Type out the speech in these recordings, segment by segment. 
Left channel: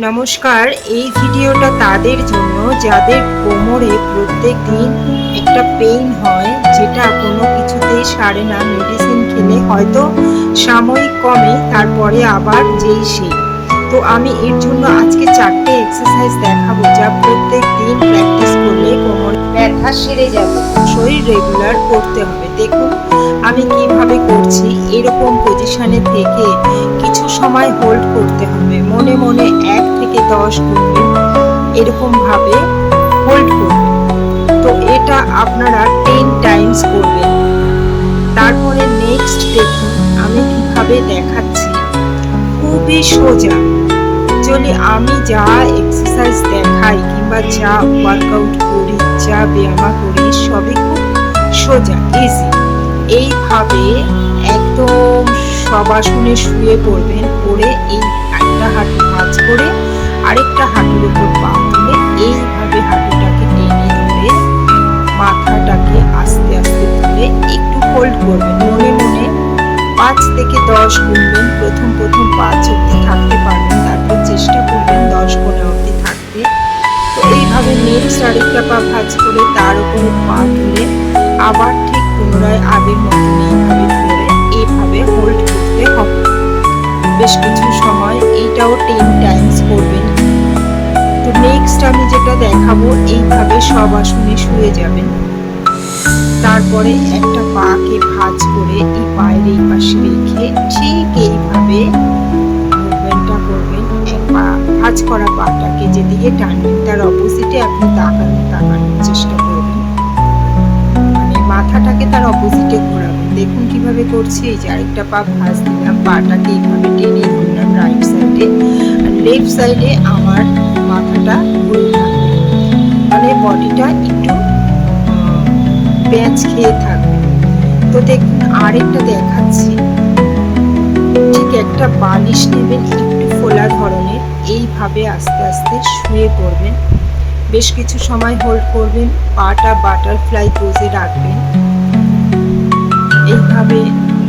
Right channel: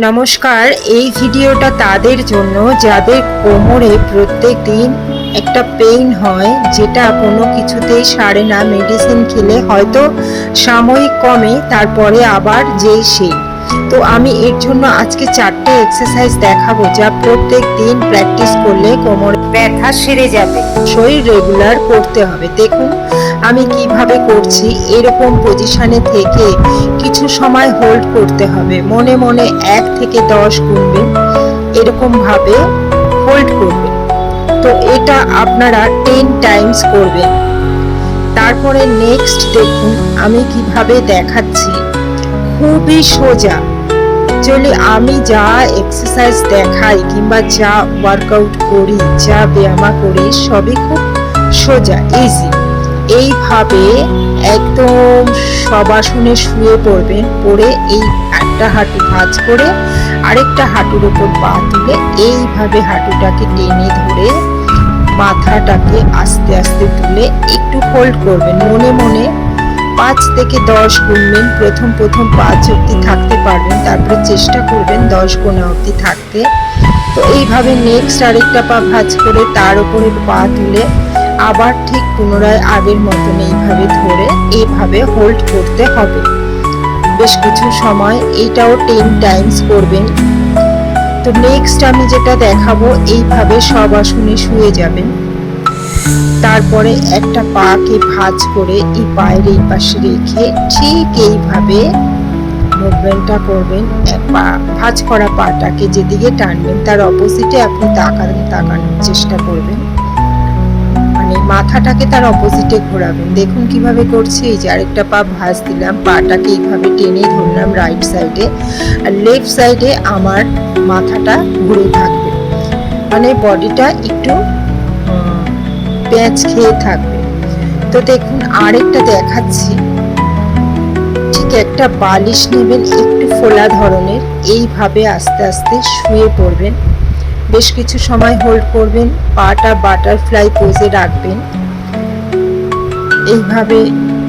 নমস্কার, এই ভিডিওটা তাদের জন্য যাদের কোমরে প্রত্যেক দিন একটা পেইন হয়, যেটা কোনো কিছুতেই সারে না মেডিসিন খেলে হয়তো সাময়িক কমে, তারপরে আবার যেই সেই। তো আমি এর জন্য আজকে চারটে এক্সারসাইজ দেখাবো, যা প্রত্যেক দিন প্র্যাকটিস করলে কোমরে ব্যথা সেরে যাবে। শরীর রেগুলার করতে হবে। দেখুন আমি কীভাবে করছি এরকম পজিশনে থেকে কিছু সময় হোল্ড করতে হবে। মনে মনে এক থেকে দশ গুনবে, এরকম ভাবে হোল্ড করবেন তো এটা আপনারা টেন টাইমস করবেন। তারপরে নেক্সট দেখুন আমি কীভাবে দেখাচ্ছি। খুবই সোজা। অ্যাকচুয়ালি আমি যা এক্সারসাইজ দেখাই কিংবা যা ওয়ার্কআউট করি, যা ব্যায়ামা করি, সবই খুব সোজা ইজি এইভাবে একদম সবাসনে শুয়ে পড়বেন পড়ে এই একটা হাঁটু ভাঁজ করে আরেকটা হাঁটুর ওপর পা তুলে এইভাবে হাঁটুটাকে টেনে ধরে মাথাটাকে আস্তে আস্তে তুলে একটু হোল্ড করবেন। মনে মনে পাঁচ থেকে দশ গুনবেন। প্রথম প্রথম পাঁচ অবধি থাকতে পারবেন। তারপরে চেষ্টা করবেন দশ গোনা অবধি থাকতে। তো এইভাবে নেক্সট আরেকটা পা ভাঁজ করে তার উপরে পা তুলে আবার ঠিক পুনরায় আগের মতন এইভাবে ধরে এইভাবে হোল্ড করতে হবে। বেশ কিছু সময় এইটাও টেন টাইমস করবেন। তো নেক্সট আমি যেটা দেখাবো, এইভাবে সব আসনে শুয়ে যাবেন। তারপরে একটা পাকে ভাঁজ করে এই পায়ের এই পাশে রেখে ঠিক এইভাবে মুভমেন্টটা করবেন। এক পা, ভাঁজ করা পাটাকে যেদিকে টানবেন, তার অপোজিটে আপনি তাকান, তাকানোর চেষ্টা করবেন। মাথাটাকে তার অপোজিটে ঘোরাবেন। দেখুন কীভাবে করছি। এই যে আরেকটা পা ভাঁজ দিলাম, পাটাকে এইভাবে টেনে ধরলাম রাইট সাইডে আর লেফট সাইডে আমার মাথাটা ঘুরে থাকবে। মানে বডিটা একটু প্যাঁচ খেয়ে থাকবে। তো দেখুন আরেকটা দেখাচ্ছি। ঠিক একটা বালিশ নেবেন, একটু ফোলা ধরনের। এইভাবে আস্তে আস্তে শুয়ে পড়বেন। বেশ কিছু সময় হোল্ড করবেন। পাটা বাটারফ্লাই পোজে রাখবেন। এইভাবে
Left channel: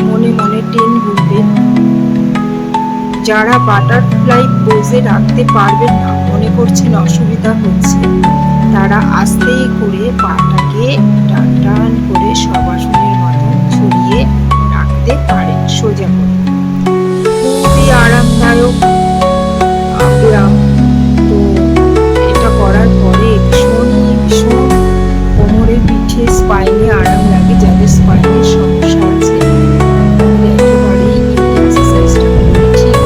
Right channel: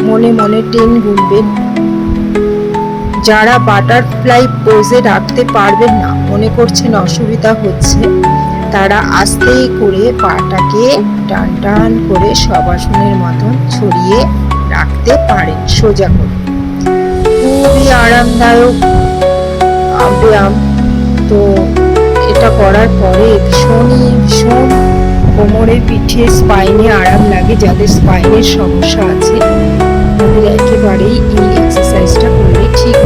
মনে মনে টেন গুনবেন যারা বাটারফ্লাই পোজে রাখতে পারবেন না, মনে করছেন অসুবিধা হচ্ছে, তারা আস্তে করে পাটাকে টান টান করে সবাসনের মতন ছড়িয়ে রাখতে পারেন, সোজা করে। খুবই আরামদায়ক ব্যায়াম তো এটা করার পরে ভীষণই ভীষণ কোমরের পিঠে স্পাইনে আরাম লাগে, যাদের স্পাইনের সমস্যা আছে, তাদের একেবারেই এই এক্সারসাইজটা করলে ঠিক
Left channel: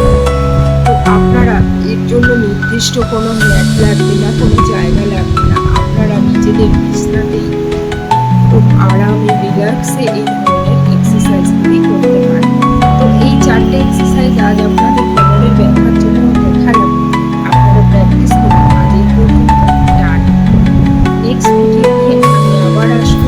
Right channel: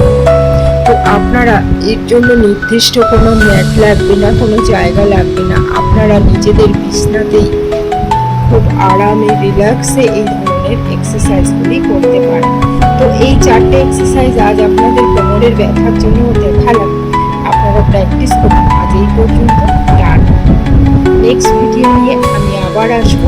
তো আপনারা এর জন্য নির্দিষ্ট কোনো ম্যাট লাগবে না, কোনো জায়গা লাগবে না। আপনারা নিজেদের বিছনাতেই খুব আরামে রিল্যাক্সে এই ধরনের এক্সারসাইজগুলি করতে পারেন। তো এই চারটে এক্সারসাইজ আজ আপনাদের কোমরের ব্যথার জন্য দেখালাম। আপনারা প্র্যাকটিস করুন। আজ এই পর্যন্ত। নেক্সট ভিডিও নিয়ে আমি আবার আসব।